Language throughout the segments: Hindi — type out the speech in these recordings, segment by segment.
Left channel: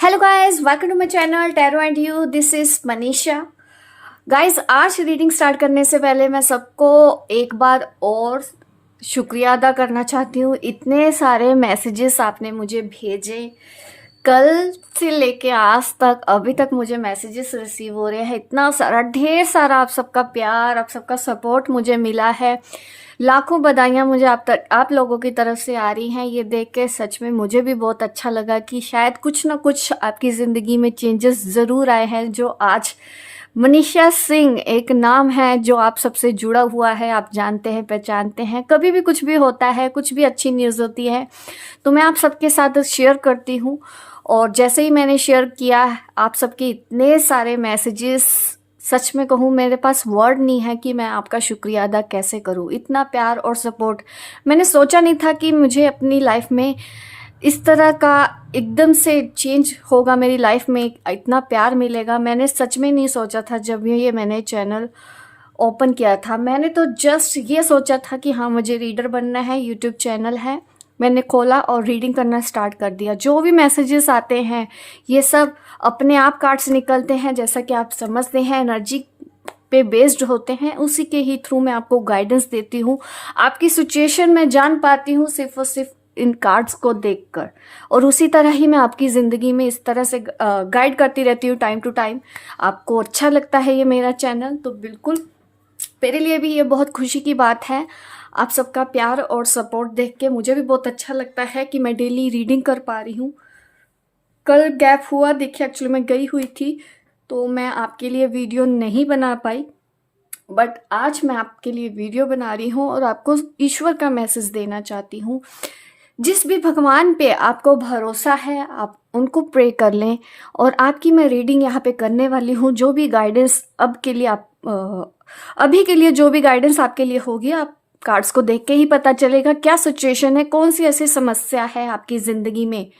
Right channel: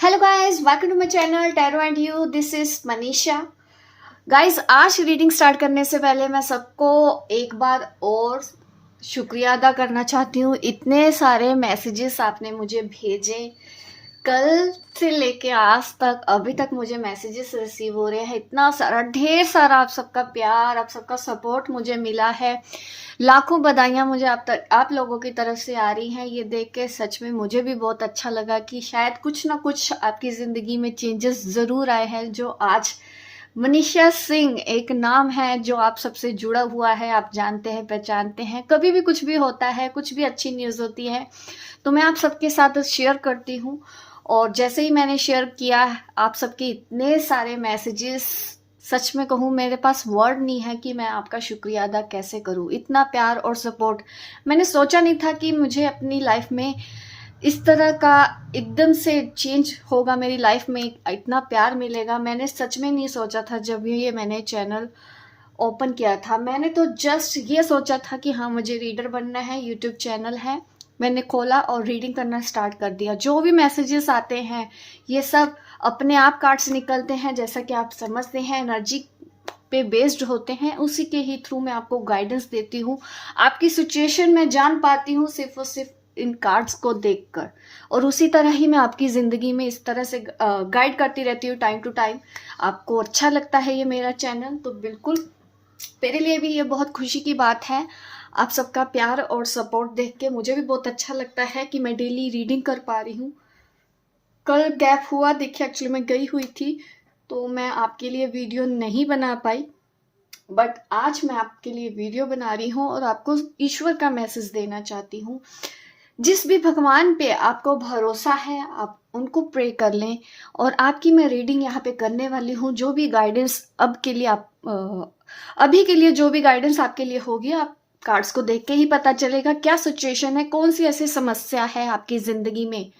Hello guys, welcome to my channel tarot and you. This is Manisha. Guys, आज रीडिंग स्टार्ट करने से पहले मैं सबको एक बार और शुक्रिया अदा करना चाहती हूँ। इतने सारे मैसेजेस आपने मुझे भेजे, कल से लेके आज तक अभी तक मुझे मैसेजेस रिसीव हो रहे हैं। इतना सारा, ढेर सारा आप सबका प्यार, आप सबका सपोर्ट मुझे मिला है। लाखों बधाइयाँ मुझे आप लोगों की तरफ से आ रही हैं। ये देख के सच में मुझे भी बहुत अच्छा लगा कि शायद कुछ ना कुछ आपकी ज़िंदगी में चेंजेस ज़रूर आए हैं। जो आज मनीषा सिंह एक नाम है जो आप सबसे जुड़ा हुआ है, आप जानते हैं, पहचानते हैं। कभी भी कुछ भी होता है, कुछ भी अच्छी न्यूज़ होती है तो मैं आप सबके साथ शेयर करती हूँ। और जैसे ही मैंने शेयर किया, आप सबके इतने सारे मैसेजेस, सच में कहूँ मेरे पास वर्ड नहीं है कि मैं आपका शुक्रिया अदा कैसे करूँ। इतना प्यार और सपोर्ट मैंने सोचा नहीं था कि मुझे अपनी लाइफ में इस तरह का एकदम से चेंज होगा, मेरी लाइफ में इतना प्यार मिलेगा। मैंने सच में नहीं सोचा था। जब ये मैंने चैनल ओपन किया था, मैंने तो जस्ट ये सोचा था कि हाँ, मुझे रीडर बनना है, यूट्यूब चैनल है। मैंने खोला और रीडिंग करना स्टार्ट कर दिया। जो भी मैसेजेस आते हैं ये सब अपने आप कार्ड्स निकलते हैं, जैसा कि आप समझते हैं, एनर्जी पे बेस्ड होते हैं। उसी के ही थ्रू मैं आपको गाइडेंस देती हूँ। आपकी सिचुएशन में जान पाती हूँ सिर्फ और सिर्फ इन कार्ड्स को देखकर, और उसी तरह ही मैं आपकी ज़िंदगी में इस तरह से गाइड करती रहती हूँ टाइम टू टाइम। आपको अच्छा लगता है ये मेरा चैनल तो बिल्कुल मेरे लिए भी ये बहुत खुशी की बात है। आप सबका प्यार और सपोर्ट देख के मुझे भी बहुत अच्छा लगता है कि मैं डेली रीडिंग कर पा रही हूँ। कल गैप हुआ, देखिए एक्चुअली मैं गई हुई थी तो मैं आपके लिए वीडियो नहीं बना पाई, बट आज मैं आपके लिए वीडियो बना रही हूँ और आपको ईश्वर का मैसेज देना चाहती हूँ। जिस भी भगवान पे आपको भरोसा है, आप उनको प्रे कर लें। और आपकी मैं रीडिंग यहाँ पे करने वाली हूँ। जो भी गाइडेंस अभी के लिए जो भी गाइडेंस आपके लिए होगी, आप कार्ड्स को देख के ही पता चलेगा क्या सिचुएशन है, कौन सी ऐसी समस्या है आपकी ज़िंदगी में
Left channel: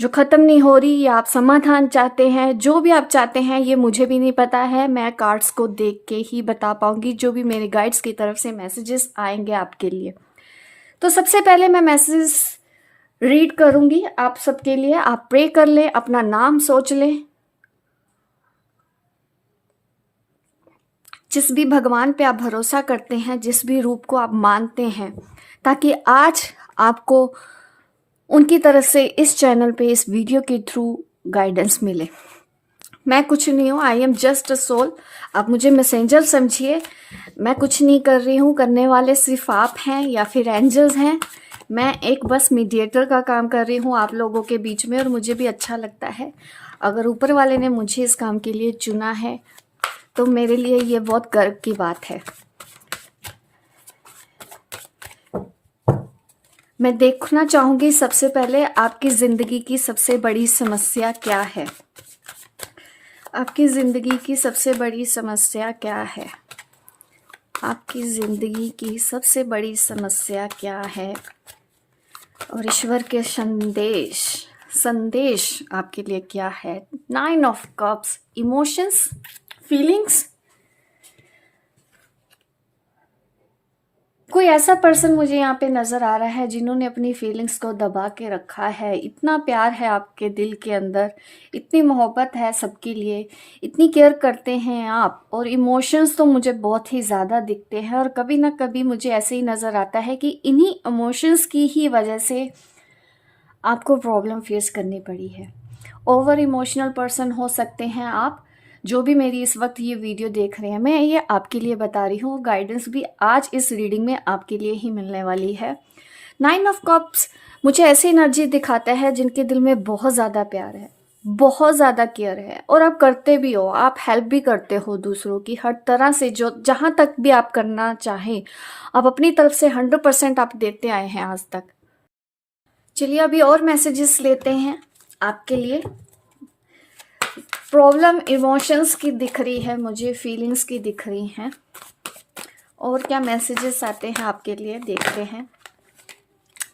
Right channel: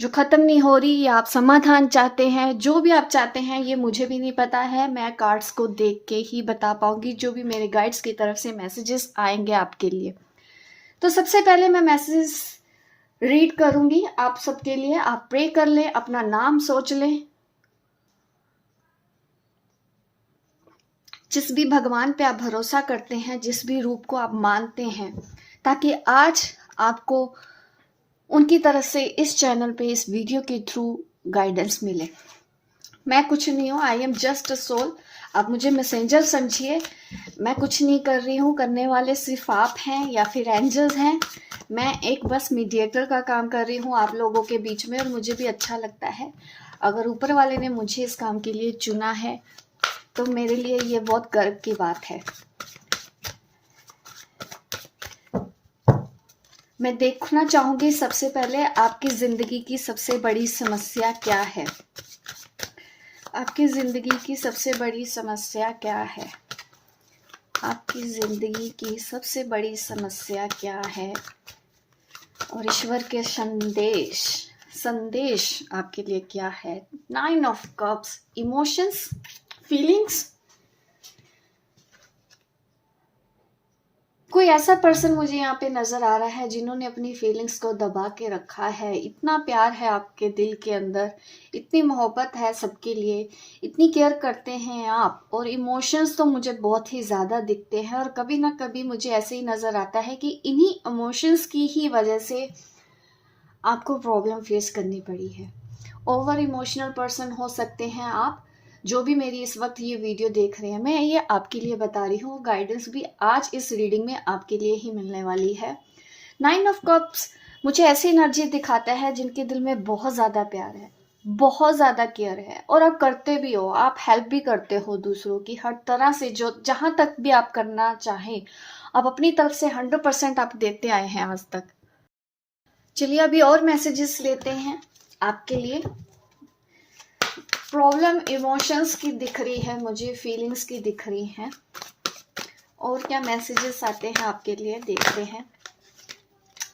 जो ख़त्म नहीं हो रही, या आप समाधान चाहते हैं। जो भी आप चाहते हैं ये मुझे भी नहीं पता है, मैं कार्ड्स को देख के ही बता पाऊंगी जो भी मेरे गाइड्स की तरफ से मैसेजेस आएंगे आपके लिए। तो सबसे पहले मैं मैसेजेस रीड करूंगी आप सबके लिए। आप प्रे कर ले, अपना नाम सोच लें, जिस भी भगवान पे आप भरोसा करते हैं, जिस भी रूप को आप मानते हैं, ताकि आज आपको उनकी तरफ से इस चैनल पे, इस वीडियो के थ्रू गाइडेंस मिले। मैं कुछ नहीं हूँ, I am just a soul. आप मुझे मैसेंजर समझिए। मैं कुछ नहीं कर रही हूँ, करने वाले सिर्फ आप हैं या फिर एंजल्स हैं। मैं एक बस मीडिएटर का काम कर रही हूँ आप लोगों के बीच में, और मुझे भी अच्छा लगता है। अगर ऊपर वाले ने मुझे इस काम के लिए चुना है तो मेरे लिए ये बहुत गर्व की बात है। मैं देखना चाहूंगी सबसे पहले आपकी जिंदगी की सबसे बड़ी समस्या क्या है। आपकी जिंदगी की सबसे बड़ी समस्या क्या है? आपकी जिंदगी की सबसे बड़ी समस्या क्या है? और ईश्वर के संदेश आपके लिए क्या है? 9 ऑफ कप्स, इमोशंस, फीलिंग्स। कोई ऐसा पर्सन मुझे यहाँ पे नजर आ रहा है जिन्होंने अपनी फीलिंग्स को दबा के रखा है। इतना प्यार है आपके दिल के अंदर, इतनी मोहब्बत है सबके लिए, इतनी केयर करते हैं आप। और इमोशंस तो मुझे बहुत ही ज़्यादा दिखते हैं, और कभी ना कभी मुझे ऐसे ही नज़र आता है कि इन्हीं इमोशंस की ही वजह से आपको प्रॉब्लम फेस करनी पड़ी है। ओवर इमोशनल पर्सन हो सकते हैं आप, जो भी मेरी इस वक्त ये वीडियो देख रहे हैं। मैं ये आपके लिए बता रही हूँ, गाइडेंस भी आज इस रीडिंग में आपके लिए ही मिलने वाली है। 9 ऑफ कप्स मुझे ऐसी एनर्जी दिखाता है जिनके दिल में बहुत ज़्यादा प्यार है, बहुत ज़्यादा केयर है, और आप करते भी हो, आप हेल्प भी करते हो दूसरों की हर तरह से। जो जहाँ तक भी आप करना चाहें, आप अपनी तरफ से 100% आप देते आए हैं आज तक। चलिए अभी और मैसेजेस लेते हैं आपके लिए। प्रॉब्लम इमोशंस की दिख रही है मुझे, फीलिंग्स की दिख रही हैं। और क्या मैसेजेस आते हैं आपके लिए, देखते हैं।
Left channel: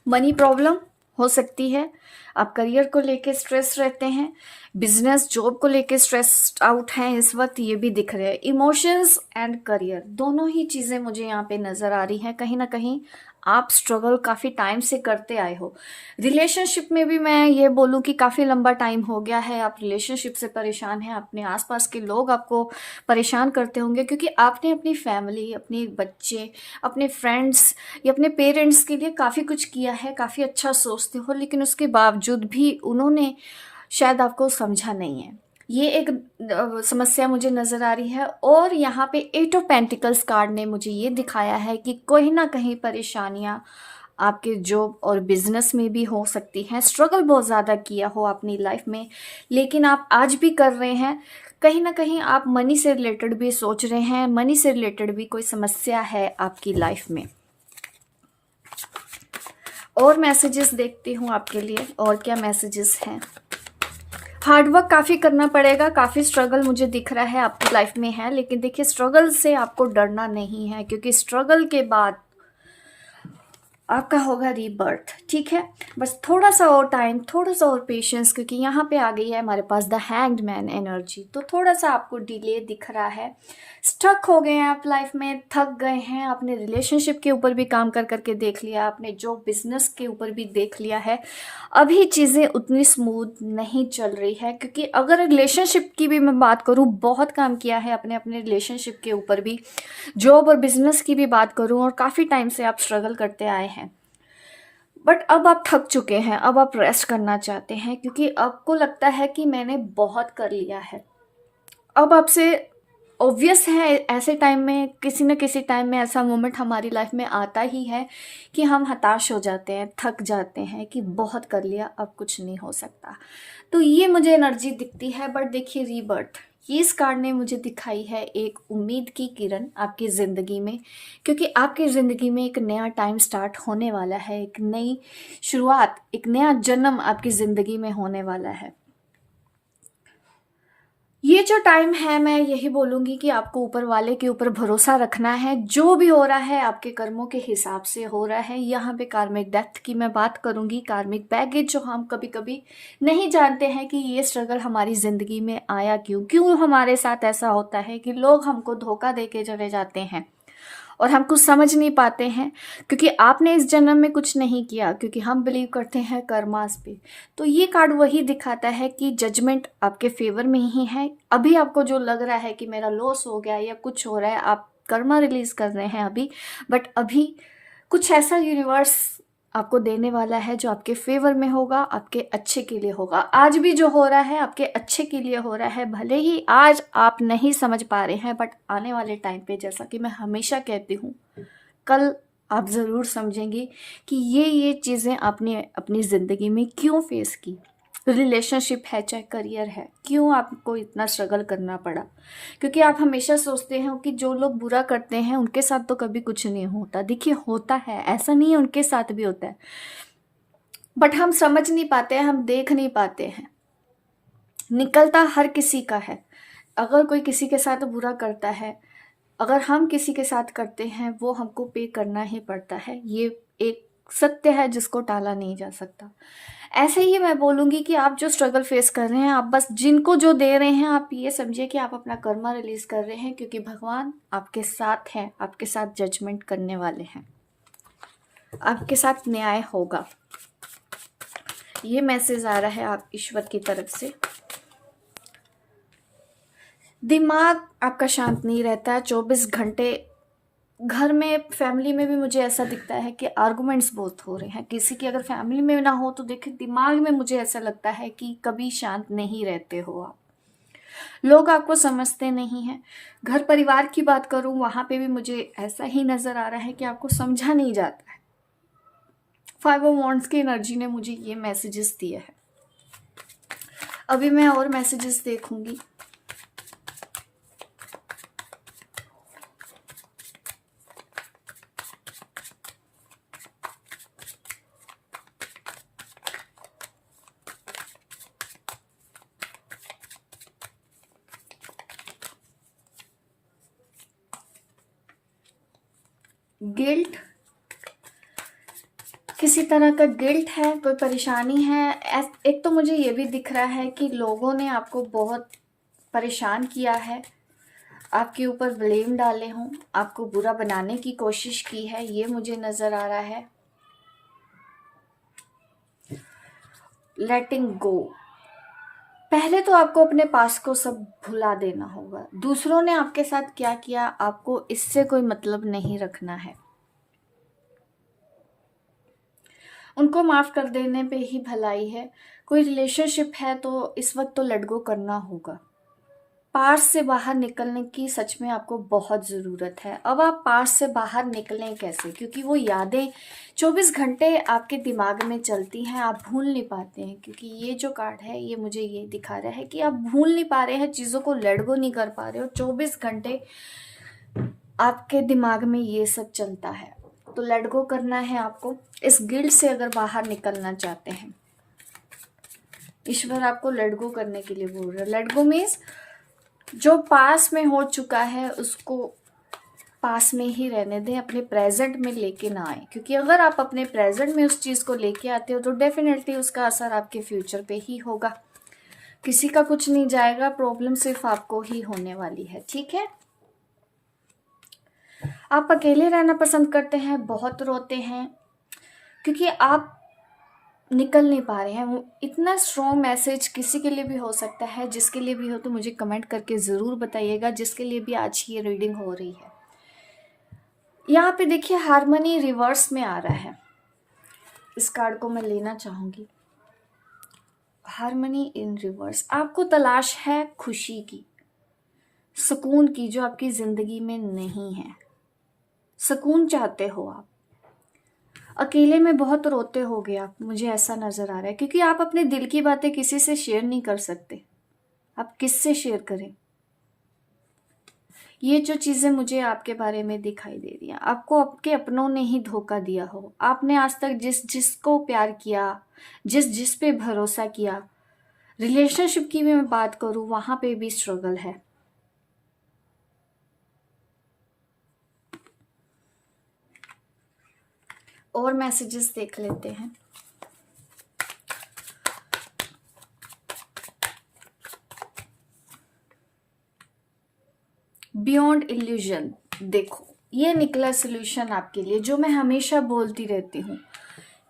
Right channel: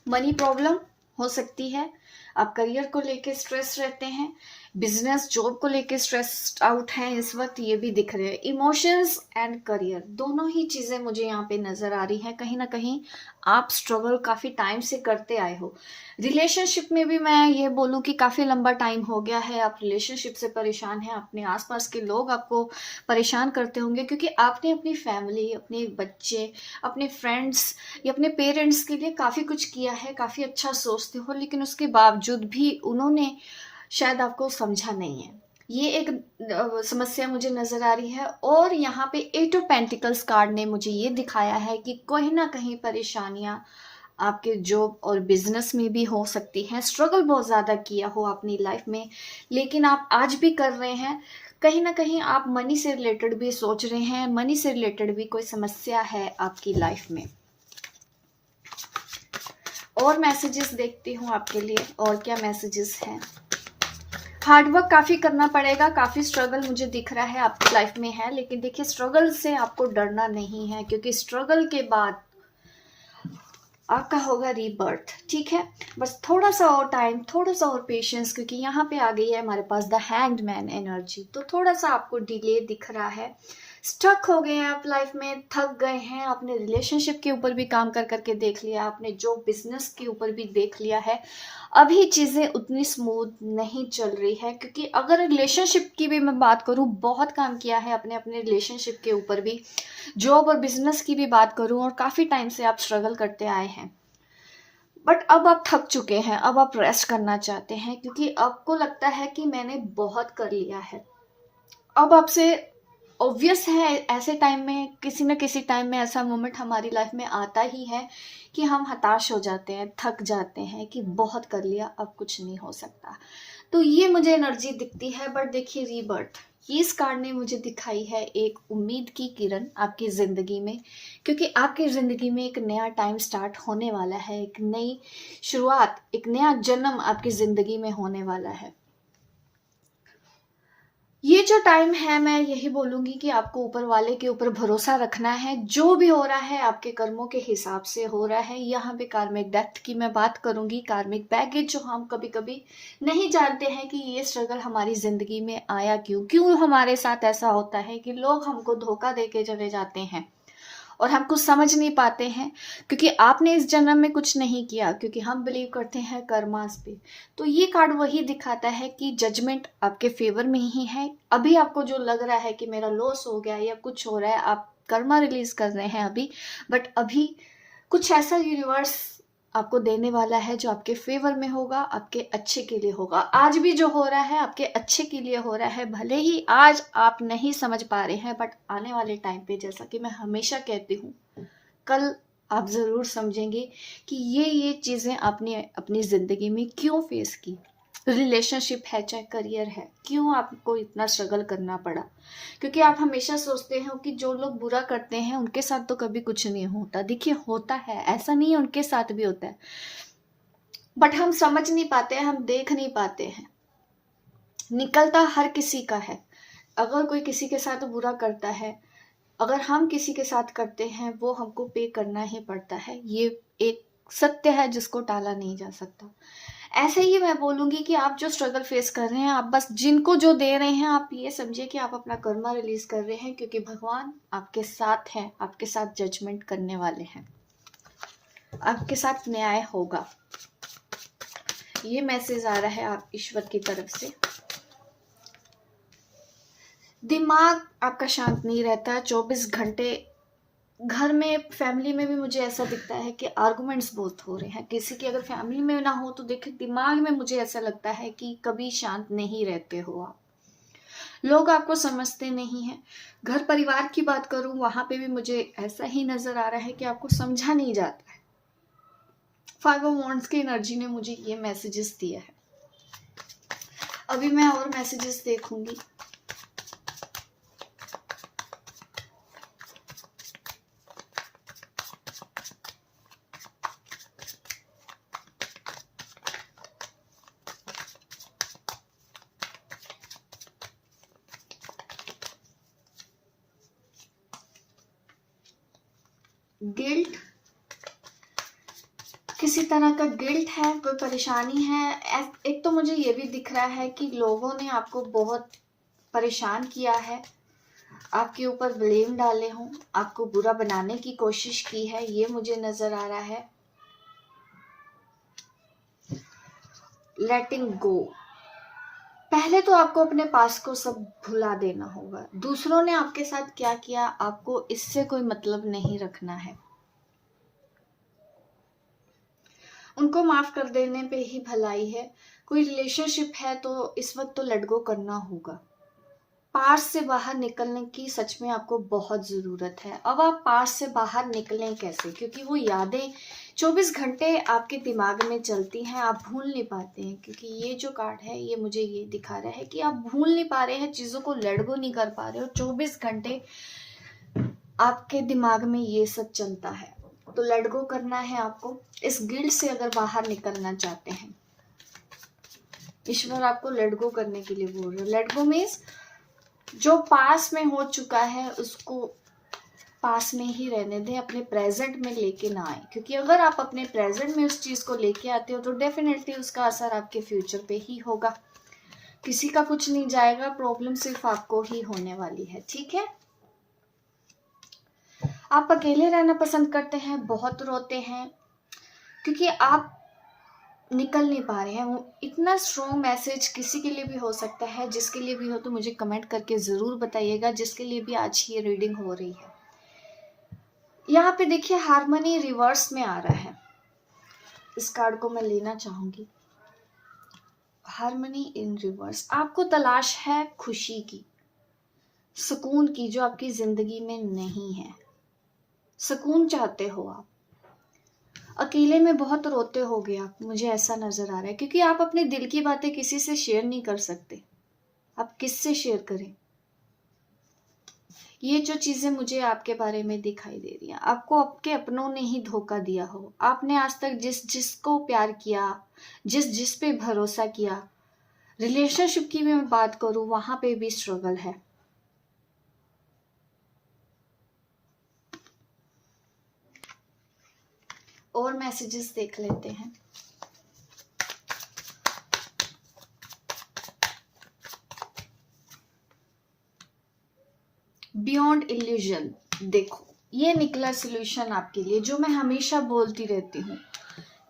मनी प्रॉब्लम हो सकती है, आप करियर को लेके स्ट्रेस रहते हैं, बिजनेस जॉब को लेके स्ट्रेस्ड आउट हैं इस वक्त, ये भी दिख रहे हैं। इमोशंस एंड करियर दोनों ही चीज़ें मुझे यहाँ पे नज़र आ रही हैं। कहीं ना कहीं आप स्ट्रगल काफ़ी टाइम से करते आए हो। रिलेशनशिप में भी मैं ये बोलूँ कि काफ़ी लंबा टाइम हो गया है, आप रिलेशनशिप से परेशान हैं, अपने आसपास के लोग आपको परेशान करते होंगे क्योंकि आपने अपनी फैमिली, अपने बच्चे, अपने फ्रेंड्स या अपने पेरेंट्स के लिए काफ़ी कुछ किया है, काफ़ी अच्छा सोचते हो, लेकिन उसके बावजूद भी उन्होंने शायद आपको समझा नहीं है। ये एक समस्या मुझे नज़र आ रही है। और यहाँ पे एट ऑफ पेंटिकल्स कार्ड ने मुझे ये दिखाया है कि कहीं ना कहीं परेशानियाँ आपके जॉब और बिजनेस में भी हो सकती हैं। स्ट्रगल बहुत ज़्यादा किया हो अपनी लाइफ में, लेकिन आप आज भी कर रहे हैं। कहीं ना कहीं आप मनी से रिलेटेड भी सोच रहे हैं, मनी से रिलेटेड भी कोई समस्या है आपकी लाइफ में। और मैसेजेस देखती हूँ आपके लिए, और क्या मैसेजेस हैं। हार्डवर्क काफ़ी करना पड़ेगा, काफ़ी स्ट्रगल मुझे दिख रहा है आपकी लाइफ में है, लेकिन देखिए स्ट्रगल से आपको डरना नहीं है, क्योंकि स्ट्रगल के बाद आपका होगा रीबर्थ। ठीक है, बस थोड़ा सा और टाइम, थोड़ा सा और पेशेंस, क्योंकि यहाँ पे आ गई है हमारे पास द हैंग्ड मैन एनर्जी। तो थोड़ा सा आपको डिले दिख रहा है, स्टक हो गए हैं आप लाइफ में, थक गए हैं। आपने रिलेशनशिप के ऊपर भी काम कर करके देख लिया, आपने जो बिजनेस के ऊपर भी देख लिया है, अभी चीज़ें उतनी स्मूथ नहीं चल रही है। क्योंकि अगर रिलेशनशिप की भी मैं बात करूँ, बहुत काम किया है अपने अपने रिलेशनशिप के ऊपर भी, जॉब और बिजनेस की भी बात करूँ, और काफ़ी टाइम से आप स्ट्रगल करते आए हैं। बट अब आप थक चुके हैं, अब आप रेस्ट करना चाहते हैं, क्योंकि आपको लगता है कि मैंने बहुत कर लिया है। अब आपसे ऑब्वियस है, ऐसे टाइम में किसी न किसी टाइम में ऐसा मोमेंट हमारी लाइफ में आता ही है कि हम हताश हो जाते हैं, थक जाते हैं कि बहुत कर लिया, अब कुछ नहीं हो सकता। तो ये मुझे एनर्जी दिखती है। बट देखिए रीबर्थ, ये इस कार्ड ने मुझे दिखाई है एक उम्मीद की किरण आपकी ज़िंदगी में, क्योंकि आपकी ज़िंदगी में एक नया टाइम स्टार्ट होने वाला है, एक नई शुरुआत, एक नया जन्म आपकी ज़िंदगी में होने वाला है। ये जो टाइम है, मैं यही बोलूँगी कि आपको ऊपर वाले के ऊपर भरोसा रखना है। जो भी हो रहा है आपके कर्मों के हिसाब से हो रहा है। यहाँ पे कार्मिक डेप्थ की मैं बात करूँगी, कार्मिक बैगेज, जो हम कभी कभी नहीं जानते हैं कि ये स्ट्रगल हमारी ज़िंदगी में आया क्यों, क्यों हमारे साथ ऐसा होता है कि लोग हमको धोखा दे के चले जाते हैं और हम कुछ समझ नहीं पाते हैं, क्योंकि आपने इस जन्म में कुछ नहीं किया, क्योंकि हम बिलीव करते हैं कर्मास पे। तो ये कार्ड वही दिखाता है कि जजमेंट आपके फेवर में ही है। अभी आपको जो लग रहा है कि मेरा लॉस हो गया या कुछ हो रहा है, आप कर्मा रिलीज कर रहे हैं अभी, बट अभी कुछ ऐसा यूनिवर्स आपको देने वाला है जो आपके फेवर में होगा, आपके अच्छे के लिए होगा। आज भी जो हो रहा है आपके अच्छे के लिए हो रहा है। भले ही आज आप नहीं समझ पा रहे हैं, बट आने वाले टाइम पे, जैसा कि मैं हमेशा कहती हूँ, कल आप ज़रूर समझेंगे कि ये चीज़ें आपने अपनी ज़िंदगी में क्यों फेस की। रिलेशनशिप है चाहे करियर है, क्यों आपको इतना स्ट्रगल करना पड़ा। क्योंकि आप हमेशा सोचते हैं कि जो लोग बुरा करते हैं उनके साथ तो कभी कुछ नहीं होता। देखिए होता है, ऐसा नहीं है, उनके साथ भी होता है, बट हम समझ नहीं पाते हैं, हम देख नहीं पाते हैं। निकलता हर किसी का है। अगर कोई किसी के साथ बुरा करता है, अगर हम किसी के साथ करते हैं, वो हमको पे करना ही पड़ता है। ये एक सत्य है जिसको टाला नहीं जा सकता। ऐसे ही मैं बोलूँगी कि आप जो स्ट्रगल फेस कर रहे हैं, आप बस जिनको जो दे रहे हैं, आप ये समझिए कि आप अपना कर्मा रिलीज कर रहे हैं, क्योंकि भगवान आपके साथ हैं, आपके साथ जजमेंट करने वाले हैं, आपके साथ न्याय होगा। ये मैसेज आ रहा है आप ईश्वर की तरफ से। दिमाग आपका शांत नहीं रहता 24 घंटे। घर में, फैमिली में भी मुझे ऐसा दिखता है कि आर्गुमेंट्स बहुत हो रहे हैं। किसी की अगर फैमिली में ना हो तो देखिए दिमाग में मुझे ऐसा लगता है कि कभी शांत नहीं रहते हो आप। लोग आपको समझते नहीं हैं। घर परिवार की बात करूं, वहां पे भी मुझे ऐसा ही नजर आ रहा है कि आपको समझा नहीं जाता है। 5 ऑफ वॉन्ड्स की एनर्जी ने मुझे ये मैसेजेस दिए हैं। अभी मैं और मैसेजेस देखूंगी। गिल्ट, किसी तरह का गिल्ट है, कोई परेशानी है। एक तो मुझे ये भी दिख रहा है कि लोगों ने आपको बहुत परेशान किया है, आपके ऊपर ब्लेम डाले हों, आपको बुरा बनाने की कोशिश की है, ये मुझे नजर आ रहा है। लेटिंग गो, पहले तो आपको अपने पास को सब भुला देना होगा। दूसरों ने आपके साथ क्या किया, आपको इससे कोई मतलब नहीं रखना है। उनको माफ कर देने पे ही भलाई है। कोई रिलेशनशिप है तो इस वक्त तो लेट गो करना होगा। पास से बाहर निकलने की सच में आपको बहुत ज़रूरत है। अब आप पास से बाहर निकलें कैसे, क्योंकि वो यादें 24 घंटे आपके दिमाग में चलती हैं, आप भूल नहीं पाते हैं। क्योंकि ये जो कार्ड है ये मुझे ये दिखा रहा है कि आप भूल नहीं पा रहे हैं, चीज़ों को लेट गो नहीं कर पा रहे हो। 24 घंटे आपके दिमाग में ये सब चलता है, तो लेट गो करना है आपको। इस गिल्ट से अगर बाहर निकलना चाहते हैं, ईश्वर आपको लेट गो करने के लिए बोल रहे हैं। लेट गो मीन्स जो पास में हो चुका है उसको पास में ही रहने दें, अपने प्रेजेंट में लेके ना आए। क्योंकि अगर आप अपने प्रेजेंट में उस चीज़ को लेके आते हो तो डेफिनेटली उसका असर आपके फ्यूचर पे ही होगा। किसी का कुछ नहीं जाएगा, प्रॉब्लम सिर्फ आपको ही होने वाली है। ठीक है, आप अकेले रहना पसंद करते हैं, बहुत रोते हैं क्योंकि आप निकल नहीं पा रहे हैं। वो इतना स्ट्रॉन्ग मैसेज किसी के लिए भी हो सकता है, जिसके लिए भी हो तो मुझे कमेंट करके ज़रूर बताइएगा, जिसके लिए भी आज ये रीडिंग हो रही है। यहाँ पे देखिए हारमनी रिवर्स में आ रहा है। इस कार्ड को मैं लेना चाहूंगी। हारमनी इन रिवर्स, आपको तलाश है खुशी की, सुकून की, जो आपकी जिंदगी में नहीं है। सुकून चाहते हो आप, अकेले में बहुत रोते होगे आप, मुझे ऐसा नजर आ रहा है। क्योंकि आप अपने दिल की बातें किसी से शेयर नहीं कर सकते, आप किससे शेयर करें। ये जो चीजें मुझे आपके बारे में दिखाई दे रही हैं, आपको आपके अपनों ने ही धोखा दिया हो। आपने आज तक जिस जिसको प्यार किया, जिस जिस पे भरोसा किया, रिलेशनशिप की भी मैं बात करूं, वहां पे भी स्ट्रगल है। और मैसेजेस देख लेते हैं। बियॉन्ड इल्यूजन, देखो ये निकला सोल्यूशन आपके लिए, जो मैं हमेशा बोलती रहती हूँ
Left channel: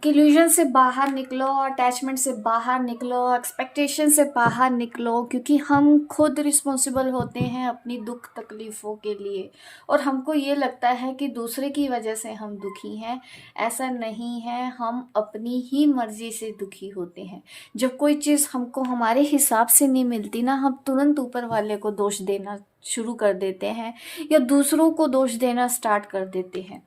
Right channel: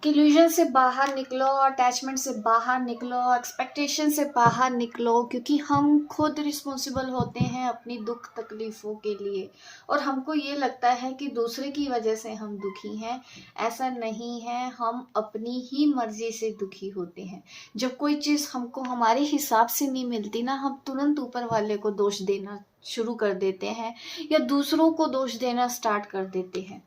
कि इल्यूजन से बाहर निकलो, अटैचमेंट से बाहर निकलो, एक्सपेक्टेशन से बाहर निकलो। क्योंकि हम खुद रिस्पॉन्सिबल होते हैं अपनी दुख तकलीफ़ों के लिए, और हमको ये लगता है कि दूसरे की वजह से हम दुखी हैं। ऐसा नहीं है, हम अपनी ही मर्जी से दुखी होते हैं। जब कोई चीज़ हमको हमारे हिसाब से नहीं मिलती ना, हम तुरंत ऊपर वाले को दोष देना शुरू कर देते हैं, या दूसरों को दोष देना स्टार्ट कर देते हैं।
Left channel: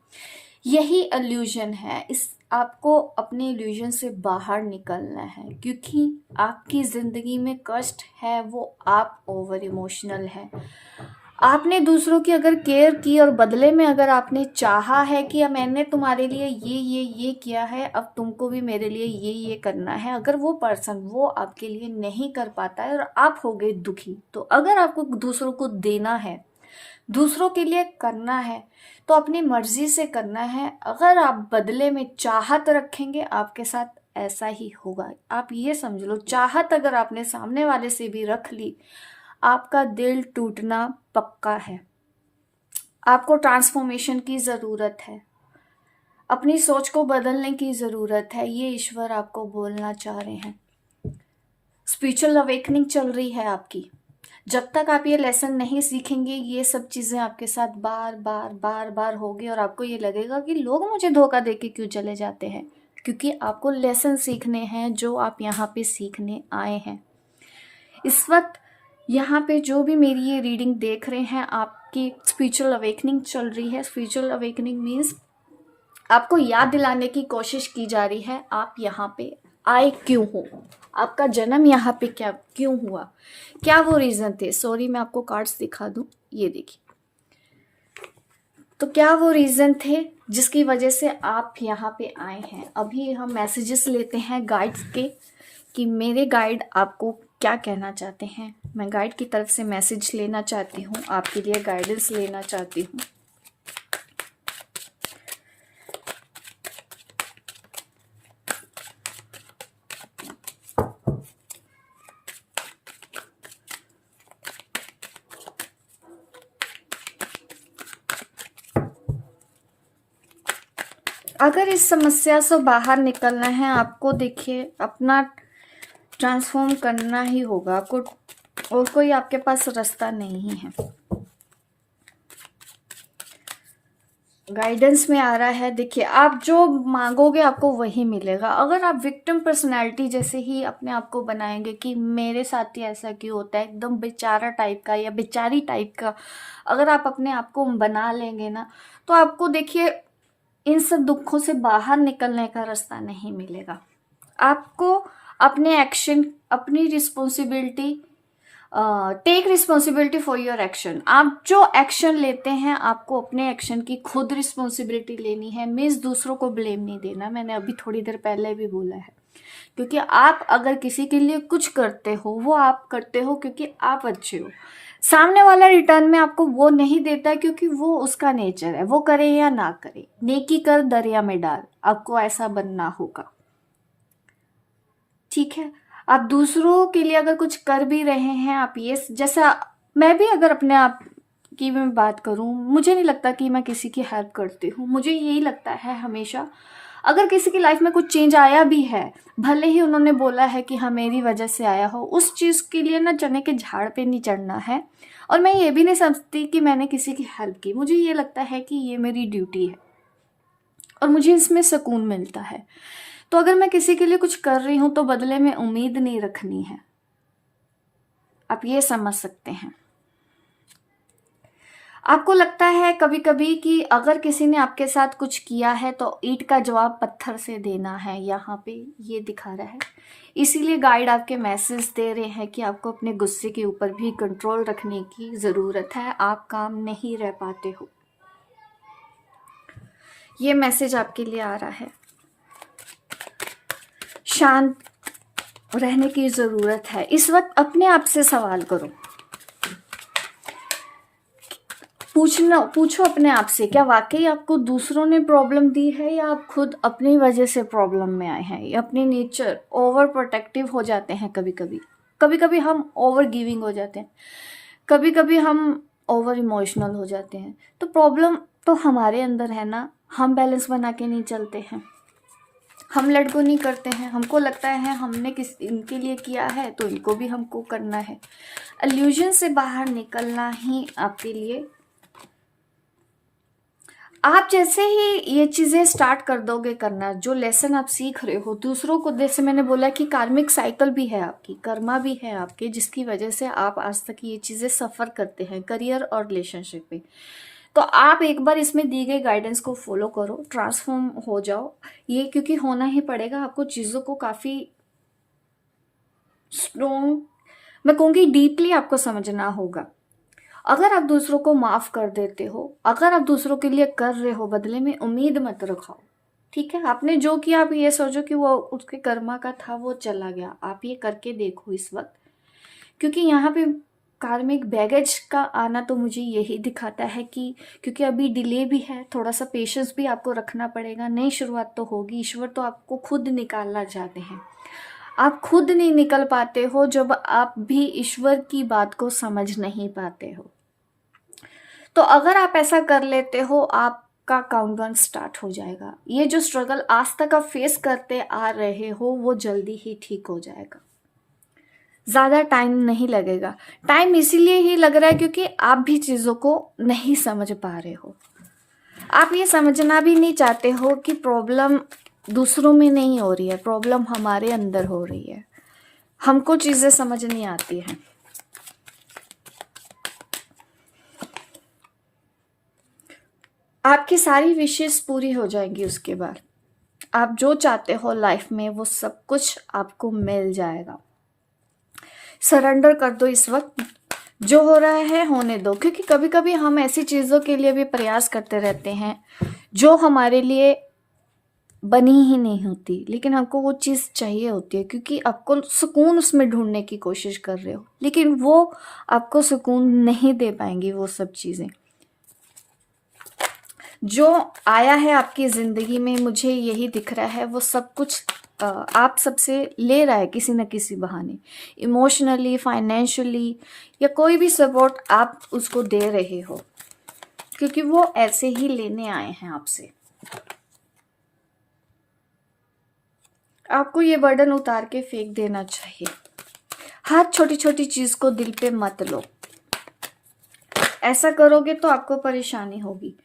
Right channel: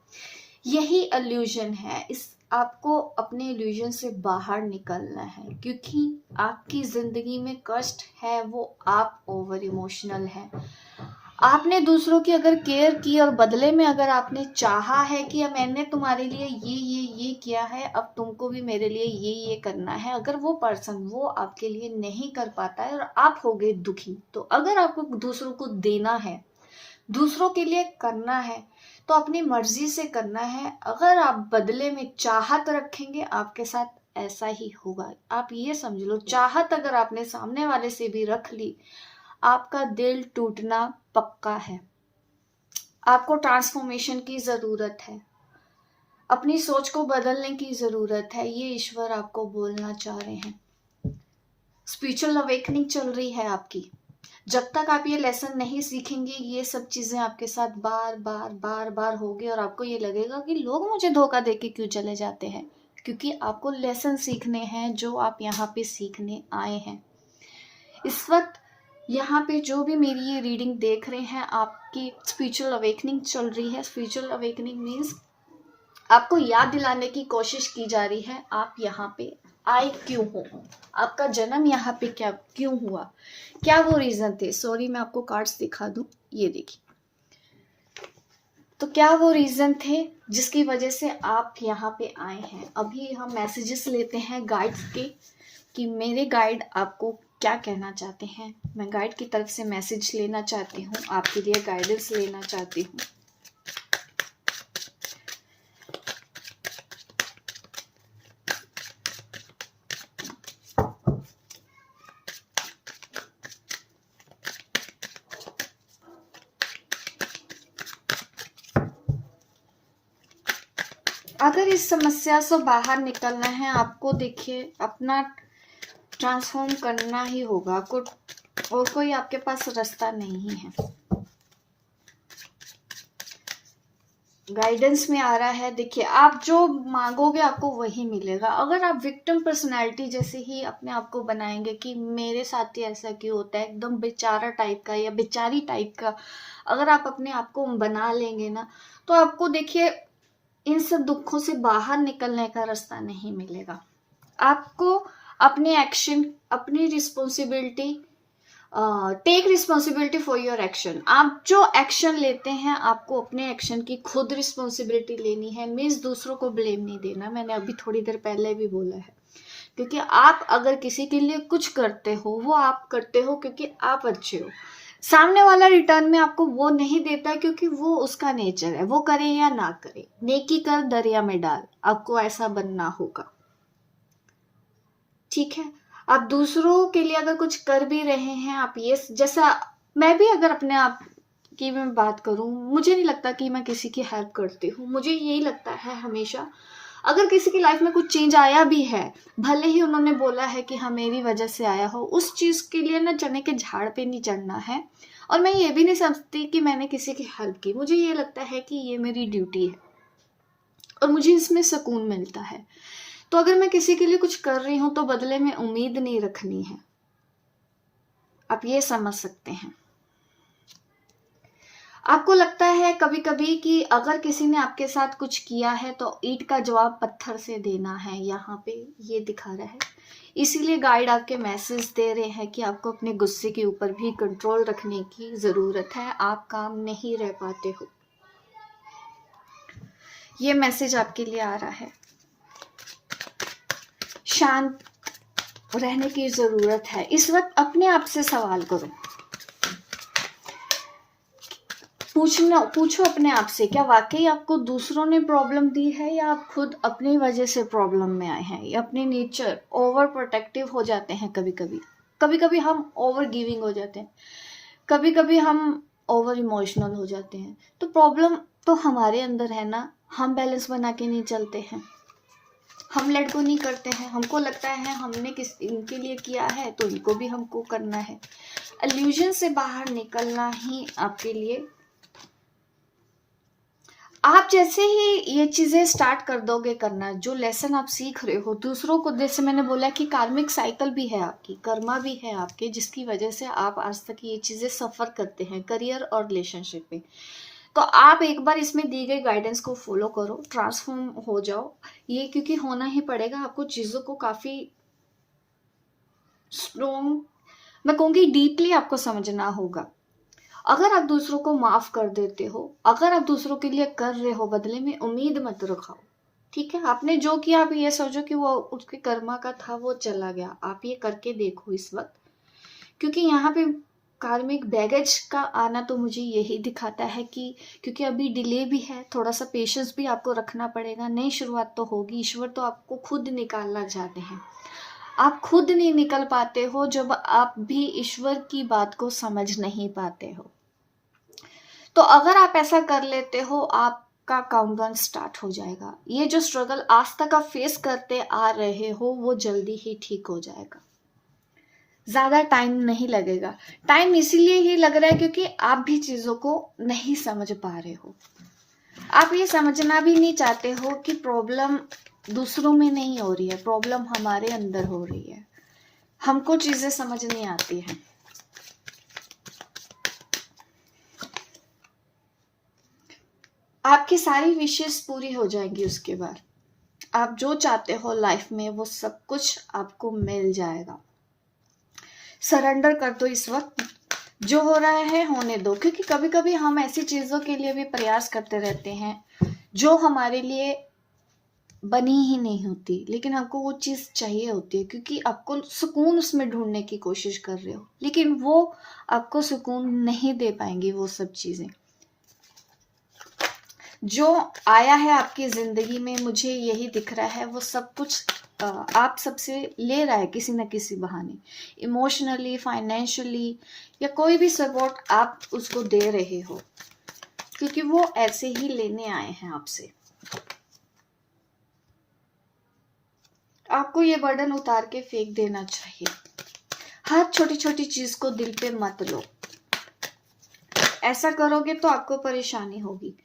यही इल्यूजन है। इस आपको अपने इल्यूजन से बाहर निकलना है, क्योंकि आपकी ज़िंदगी में कष्ट है वो आप ओवर इमोशनल हैं। आपने दूसरों की अगर केयर की और बदले में अगर आपने चाहा है कि अब मैंने तुम्हारे लिए ये किया है, अब तुमको भी मेरे लिए ये करना है, अगर वो पर्सन वो आपके लिए नहीं कर पाता है और आप हो गए दुखी, तो अगर आपको दूसरों को देना है, दूसरों के लिए करना है, तो अपनी मर्जी से करना है। अगर आप बदले में चाहत रखेंगे, आपके साथ ऐसा ही होगा। आप ये समझ लो, चाहत अगर आपने सामने वाले से भी रख ली, आपका दिल टूटना पक्का है। आपको ट्रांसफॉर्मेशन की ज़रूरत है, अपनी सोच को बदलने की ज़रूरत है। ये ईश्वर आपको बोलना चाह रहे हैं। स्पिरिचुअल अवेकनिंग चल रही है आपकी। जब तक आप ये लेसन नहीं सीखेंगे, ये सब चीज़ें आपके साथ बार बार बार बार होगी, और आपको ये लगेगा कि लोग मुझे धोखा दे के क्यों चले जाते हैं। क्योंकि आपको लेसन सीखने हैं, जो आप यहाँ पे सीखने आए हैं। इस वक्त यहाँ पे जो भी मेरी ये रीडिंग देख रहे हैं, आपकी स्पिरिचुअल अवेकनिंग चल रही है। स्पिरिचुअल अवेकनिंग मीन्स आपको याद दिलाने की कोशिश की जा रही है, आप यहाँ पे आए क्यों हो, आपका जन्म यहाँ पे क्या क्यों हुआ, क्या वो रीज़न थे। सॉरी, मैं आपको कार्ड्स दिखा दूं, ये देखिए। तो क्या वो रीज़न थे जिसकी वजह से आप यहाँ पे आए हैं। अभी हम मैसेजेस लेते हैं गाइड्स के, कि मेरे गाइड आपको क्या कहना चाहते हैं। मैं गाइड की तरफ से मैसेज लेना चाहती हूँ, आपके लिए गाइडेंस लेना चाहती हूँ। अगर इस समस्या से बाहर निकलना है आपको, देखिए अपना ट्रांसफॉर्म करना ही होगा आपको, और कोई आपके पास रास्ता नहीं है। गाइडेंस में आ रहा है, देखिए आप जो मांगोगे आपको वही मिलेगा। अगर आप विक्टिम पर्सनैलिटी जैसे ही अपने आप को बनाएंगे कि मेरे साथ ही ऐसा क्यों होता है, एकदम बेचारा टाइप का या बेचारी टाइप का अगर आप अपने आप को बना लेंगे ना, तो आपको देखिए इन सब दुखों से बाहर निकलने का रास्ता नहीं मिलेगा। आपको अपने एक्शन, अपनी responsibility, take responsibility for your action. आप जो एक्शन लेते हैं आपको अपने एक्शन की खुद रिस्पॉन्सिबिलिटी लेनी है। मीन्स दूसरों को ब्लेम नहीं देना, मैंने अभी थोड़ी देर पहले भी बोला है। क्योंकि आप अगर किसी के लिए कुछ करते हो वो आप करते हो क्योंकि आप अच्छे हो। सामने वाला रिटर्न में आपको वो नहीं देता क्योंकि वो उसका नेचर है, वो करे या ना करे। नेकी कर दरिया में डाल, आपको ऐसा बनना होगा। ठीक है, आप दूसरों के लिए अगर कुछ कर भी रहे हैं, आप ये, जैसा मैं भी अगर अपने आप की मैं बात करूं, मुझे नहीं लगता कि मैं किसी की हेल्प करती हूँ। मुझे यही लगता है हमेशा, अगर किसी की लाइफ में कुछ चेंज आया भी है, भले ही उन्होंने बोला है कि हाँ मेरी वजह से आया हो, उस चीज़ के लिए ना चने के झाड़ पे नहीं चढ़ना है। और मैं ये भी नहीं समझती कि मैंने किसी की हेल्प की। मुझे ये लगता है कि ये मेरी ड्यूटी है और मुझे इसमें सुकून मिलता है। तो अगर मैं किसी के लिए कुछ कर रही हूं तो बदले में उम्मीद नहीं रखनी है। आप ये समझ सकते हैं। आपको लगता है कभी कभी कि अगर किसी ने आपके साथ कुछ किया है तो ईंट का जवाब पत्थर से देना है, यहाँ पे ये दिखा रहा है। इसीलिए गाइड आपके मैसेज दे रहे हैं कि आपको अपने गुस्से के ऊपर भी कंट्रोल रखने की ज़रूरत है। आप काम नहीं रह पाते हो, ये मैसेज आपके लिए आ रहा है। शांत रहने की ज़रूरत है। इस वक्त अपने आप से सवाल करो, पूछो अपने आप से, क्या वाकई आपको दूसरों ने प्रॉब्लम दी है या आप खुद अपनी वजह से प्रॉब्लम में आए हैं। या अपने नेचर ओवर प्रोटेक्टिव हो जाते हैं कभी कभी हम ओवर गिविंग हो जाते हैं, कभी कभी हम ओवर इमोशनल हो जाते हैं। तो प्रॉब्लम तो हमारे अंदर है ना, हम बैलेंस बना के नहीं चलते हैं, हम लेट गो नहीं करते हैं। हमको लगता है हमने इनके लिए किया है तो इनको भी हमको करना है। इल्यूजन से बाहर निकलना ही आपके लिए, आप जैसे ही ये चीज़ें स्टार्ट कर दोगे करना, जो लेसन आप सीख रहे हो दूसरों को, जैसे मैंने बोला कि कार्मिक साइकिल भी है आपकी, कर्मा भी है आपके, जिसकी वजह से आप आज तक ये चीज़ें सफ़र करते हैं करियर और रिलेशनशिप में। तो आप एक बार इसमें दी गई गाइडेंस को फॉलो करो, ट्रांसफॉर्म हो जाओ। ये क्योंकि होना ही पड़ेगा, आपको चीज़ों को काफ़ी स्ट्रॉन्ग, मैं कहूँगी डीपली आपको समझना होगा। अगर आप दूसरों को माफ़ कर देते हो, अगर आप दूसरों के लिए कर रहे हो, बदले में उम्मीद मत रखाओ। ठीक है, आपने जो किया आप ये सोचो कि वो उसके कर्मा का था, वो चला गया। आप ये करके देखो इस वक्त, क्योंकि यहाँ पे कार्मिक बैगेज का आना तो मुझे यही दिखाता है कि क्योंकि अभी डिले भी है, थोड़ा सा पेशेंस भी आपको रखना पड़ेगा। नई शुरुआत तो होगी, ईश्वर तो आपको खुद निकालना चाहते हैं। आप खुद नहीं निकल पाते हो जब आप भी ईश्वर की बात को समझ नहीं पाते हो। तो अगर आप ऐसा कर लेते हो, आपका काउंटडाउन स्टार्ट हो जाएगा। ये जो स्ट्रगल आज तक आप फेस करते आ रहे हो वो जल्दी ही ठीक हो जाएगा, ज़्यादा टाइम नहीं लगेगा। टाइम इसीलिए ही लग रहा है क्योंकि आप भी चीज़ों को नहीं समझ पा रहे हो। आप ये समझना भी नहीं चाहते हो कि प्रॉब्लम दूसरों में नहीं हो रही है, प्रॉब्लम हमारे अंदर हो रही है। हमको चीज़ें समझ नहीं आती हैं। आपकी सारी विशेष पूरी हो जाएंगी, उसके बाद आप जो चाहते हो लाइफ में वो सब कुछ आपको मिल जाएगा। सरेंडर कर दो इस वक्त, जो हो रहा है होने दो। क्योंकि कभी कभी हम ऐसी चीज़ों के लिए भी प्रयास करते रहते हैं जो हमारे लिए बनी ही नहीं होती, लेकिन आपको वो चीज़ चाहिए होती है क्योंकि आपको सुकून उसमें ढूंढने की कोशिश कर रहे हो, लेकिन वो आपको सुकून नहीं दे पाएंगी। वो सब चीज़ें जो आया है आपकी ज़िंदगी में, मुझे यही दिख रहा है, वो सब कुछ आप सबसे ले रहा है किसी न किसी बहाने। इमोशनली, फाइनेंशियली या कोई भी सपोर्ट आप उसको दे रहे हो, क्योंकि वो ऐसे ही लेने आए हैं आपसे। आपको ये बर्डन उतार के फेंक देना चाहिए। हर छोटी छोटी चीज को दिल पे मत लो। ऐसा करोगे तो आपको परेशानी होगी।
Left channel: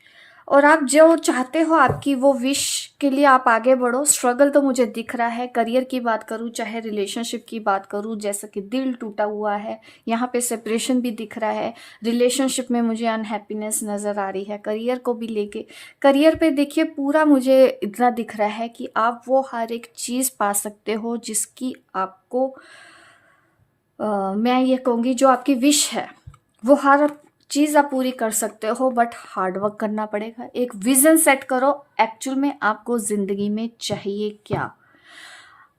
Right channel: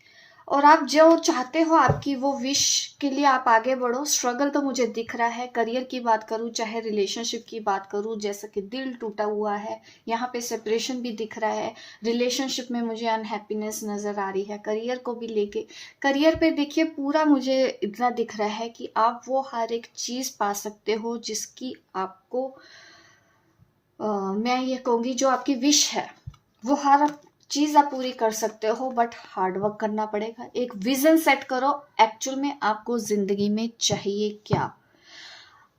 और आप जो चाहते हो, आपकी वो विश के लिए आप आगे बढ़ो। स्ट्रगल तो मुझे दिख रहा है। करियर की बात करूं चाहे रिलेशनशिप की बात करूं, जैसे कि दिल टूटा हुआ है, यहाँ पे सेपरेशन भी दिख रहा है। रिलेशनशिप में मुझे अनहैप्पीनेस नजर आ रही है। करियर को भी लेके, करियर पे देखिए पूरा मुझे इतना दिख रहा है कि आप वो हर एक चीज पा सकते हो जिसकी आपको मैं ये कहूँगी जो आपकी विश है वो हर चीज आप पूरी कर सकते हो, बट हार्ड वर्क करना पड़ेगा। एक विजन सेट करो, एक्चुअल में आपको जिंदगी में चाहिए क्या।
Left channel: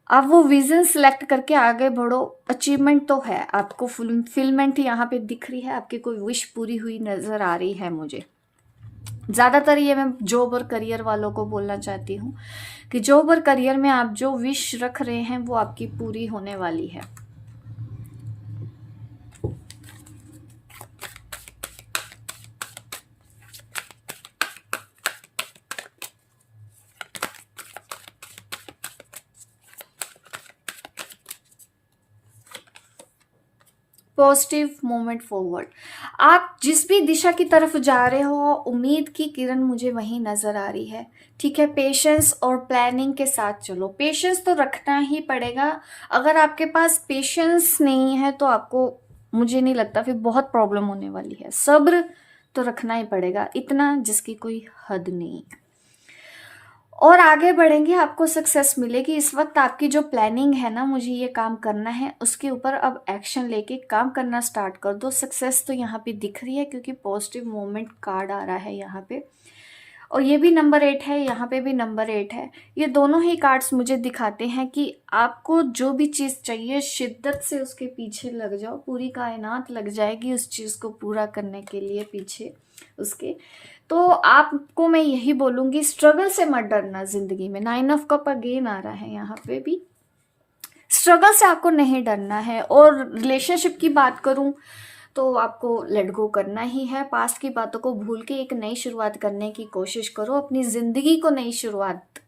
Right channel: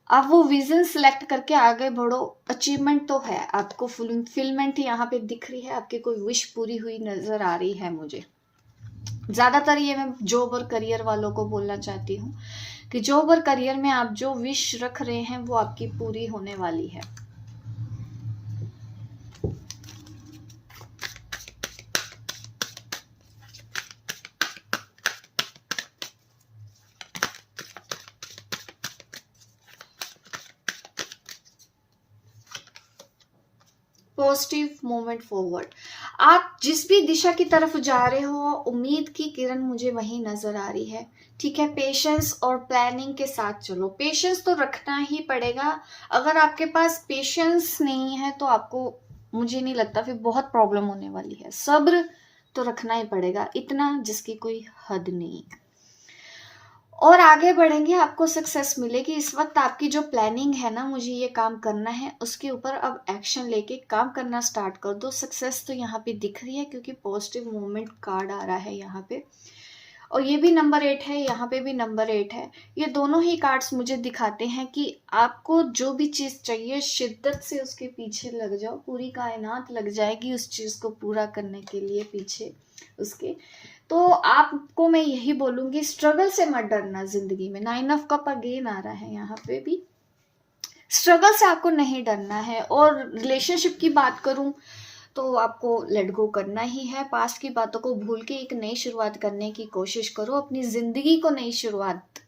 आप वो विजन सिलेक्ट करके आगे बढ़ो। अचीवमेंट तो है, आपको फुलफिलमेंट यहाँ पे दिख रही है, आपकी कोई विश पूरी हुई नजर आ रही है मुझे। ज्यादातर ये मैं जॉब और करियर वालों को बोलना चाहती हूँ कि जॉब और करियर में आप जो विश रख रहे हैं वो आपकी पूरी होने वाली है। Positive movement forward. आप जिस भी दिशा की तरफ जा रहे हो, उम्मीद की किरण मुझे वहीं नजर आ रही है। ठीक है, पेशेंस और प्लानिंग के साथ चलो। पेशेंस तो रखना ही पड़ेगा। अगर आपके पास पेशेंस नहीं है तो आपको, मुझे नहीं लगता, फिर बहुत प्रॉब्लम होने वाली है। सब्र तो रखना ही पड़ेगा, इतना जिसकी कोई हद नहीं। और आगे बढ़ेंगे, आपको सक्सेस मिलेगी। इस वक्त आपकी जो प्लानिंग है ना, मुझे ये काम करना है, उसके ऊपर अब एक्शन लेके काम करना स्टार्ट कर दो। सक्सेस तो यहाँ पे दिख रही है क्योंकि पॉजिटिव मूवमेंट कार्ड आ रहा है यहाँ पे। और ये भी नंबर 8 है, यहाँ पे भी नंबर 8 है। ये दोनों ही कार्ड्स मुझे दिखाते हैं कि आपको जो भी चीज़ चाहिए शिद्दत से उसके पीछे लग जाओ। पूरी कायनात लग जाएगी उस चीज़ को पूरा करने के लिए पीछे उसके। तो आपको मैं यही बोलूंगी, स्ट्रगल से मत डरना जिंदगी में। 9 ऑफ कप अगेन आ रहा है यहाँ पे भी। स्ट्रगल से आपको नहीं डरना है। और रिलेशनशिप की बात करूं तो आपको लेट गो करना ही है। पास्ट की बातों को भूल के एक नई शुरुआत करने की कोशिश करो। अपनी जिंदगी को नई शुरुआत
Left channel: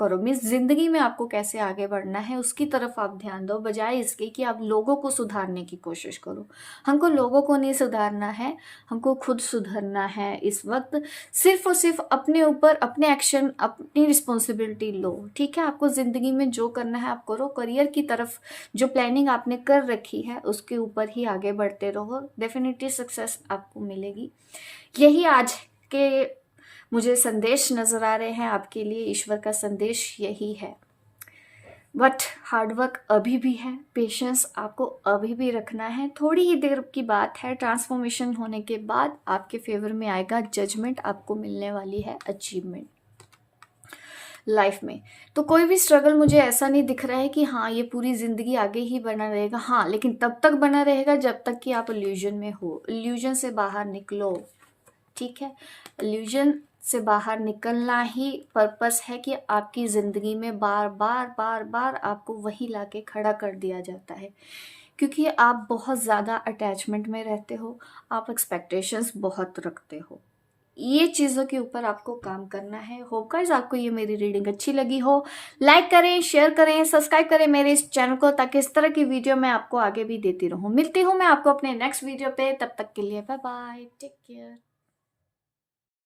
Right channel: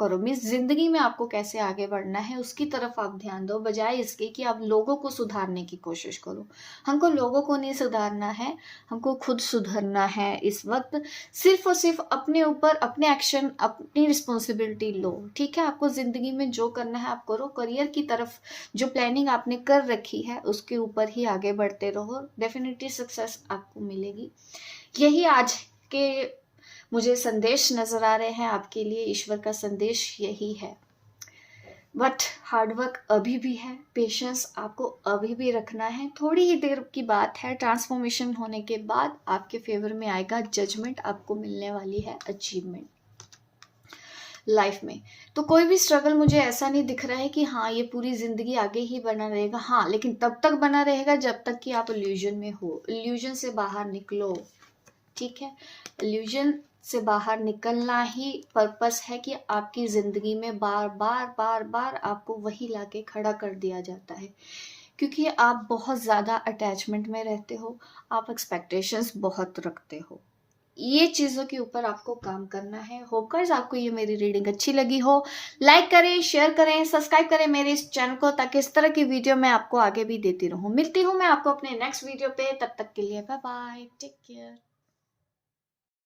करो। मीन्स जिंदगी में आपको कैसे आगे बढ़ना है उसकी तरफ आप ध्यान दो, बजाय इसके कि आप लोगों को सुधारने की कोशिश करो। हमको लोगों को नहीं सुधारना है, हमको खुद सुधरना है। इस वक्त सिर्फ और सिर्फ अपने ऊपर अपने एक्शन, अपनी रिस्पॉन्सिबिलिटी लो। ठीक है, आपको जिंदगी में जो करना है आप करो। करियर की तरफ जो प्लानिंग आपने कर रखी है उसके ऊपर ही आगे बढ़ते रहो। डेफिनेटली सक्सेस आपको मिलेगी। यही आज के मुझे संदेश नजर आ रहे हैं आपके लिए। ईश्वर का संदेश यही है। बट हार्डवर्क अभी भी है, पेशेंस आपको अभी भी रखना है। थोड़ी ही देर की बात है, ट्रांसफॉर्मेशन होने के बाद आपके फेवर में आएगा जजमेंट, आपको मिलने वाली है अचीवमेंट लाइफ में। तो कोई भी स्ट्रगल मुझे ऐसा नहीं दिख रहा है कि हाँ ये पूरी जिंदगी आगे ही बना रहेगा। हाँ, लेकिन तब तक बना रहेगा जब तक कि आप इल्यूजन में हो। इल्यूजन से बाहर निकलो। ठीक है, इल्यूजन से बाहर निकलना ही पर्पस है कि आपकी जिंदगी में बार बार बार बार आपको वही लाके खड़ा कर दिया जाता है, क्योंकि आप बहुत ज़्यादा अटैचमेंट में रहते हो, आप एक्सपेक्टेशंस बहुत रखते हो। ये चीज़ों के ऊपर आपको काम करना है। होप गाइस आपको ये मेरी रीडिंग अच्छी लगी हो। लाइक करें, शेयर करें, सब्सक्राइब करें मेरे इस चैनल को, ताकि इस तरह की वीडियो मैं आपको आगे भी देती रहूं। मिलती हूँ मैं आपको अपने नेक्स्ट वीडियो पे। तब तक के लिए बाय बाय, टेक केयर।